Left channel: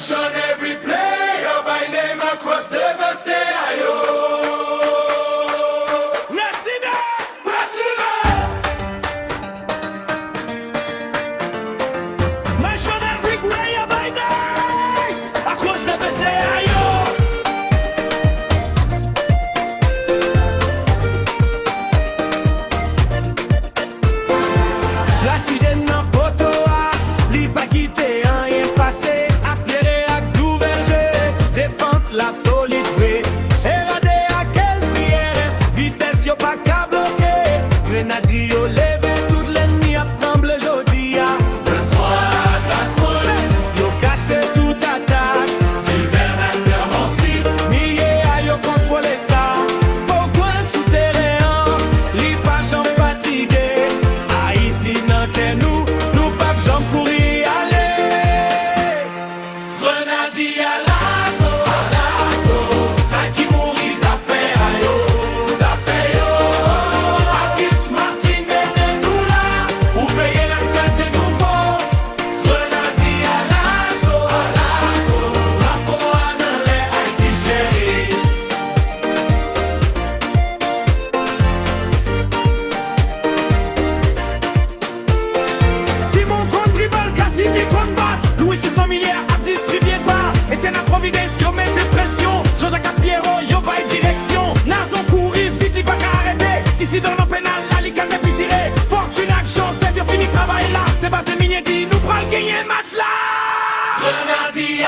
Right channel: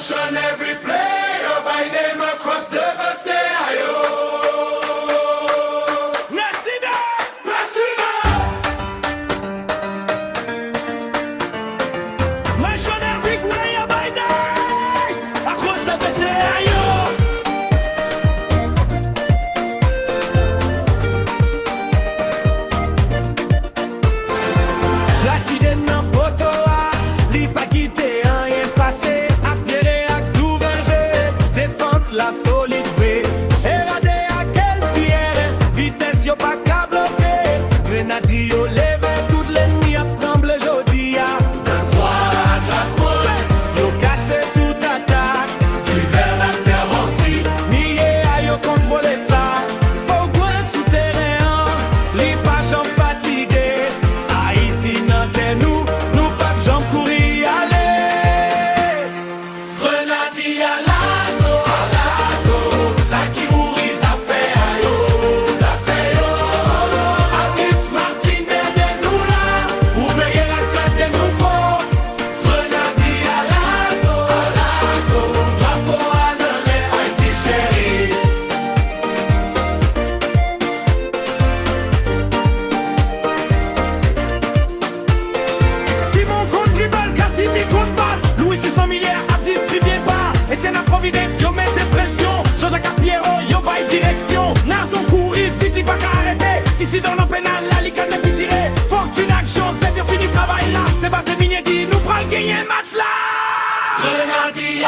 Mention every player by name across the Ayo. Mention every player by name across the Ayo. L'accident nan poto a, li pa kite an yen pase. A pierre ak dou verge, défense la solide vrai. Erade a quel pierre, vitesse yo pa ka bloqué. Grenadier yo leve, tout l'ennemi a tremble jodi a. De droite à gauche, Yo casse tout attaque, du Verne à Termancy. niye a yo contrôler ça. Au coin souterrain, li pa jam fatigué. Haïti nan ke nou, nou pa jam kouri ale. Grenadier à l'assaut, ça qui mourit, ça fait ayo, ça fait yo. Akis Martin de nous là, ou payer l'accent de nous faut. Grenadier à l'assaut, drapeau à dans les Haïti chéri. Simon contre tribal, Casimir contre bat. Louis 600 milliards à distribuer pas. Etienne à Providence, yo met des pressions. Jean-Jacques à Pierrot, yo bail direction. Nazon courir, vite, li pas qu'à arrêter. Ici dans le pénal, la ligue n'est plus tirée. Fortune action, c'est yo fini travail là. C'est pas ces miniers dit, nous pral gagner match là. Grenadier à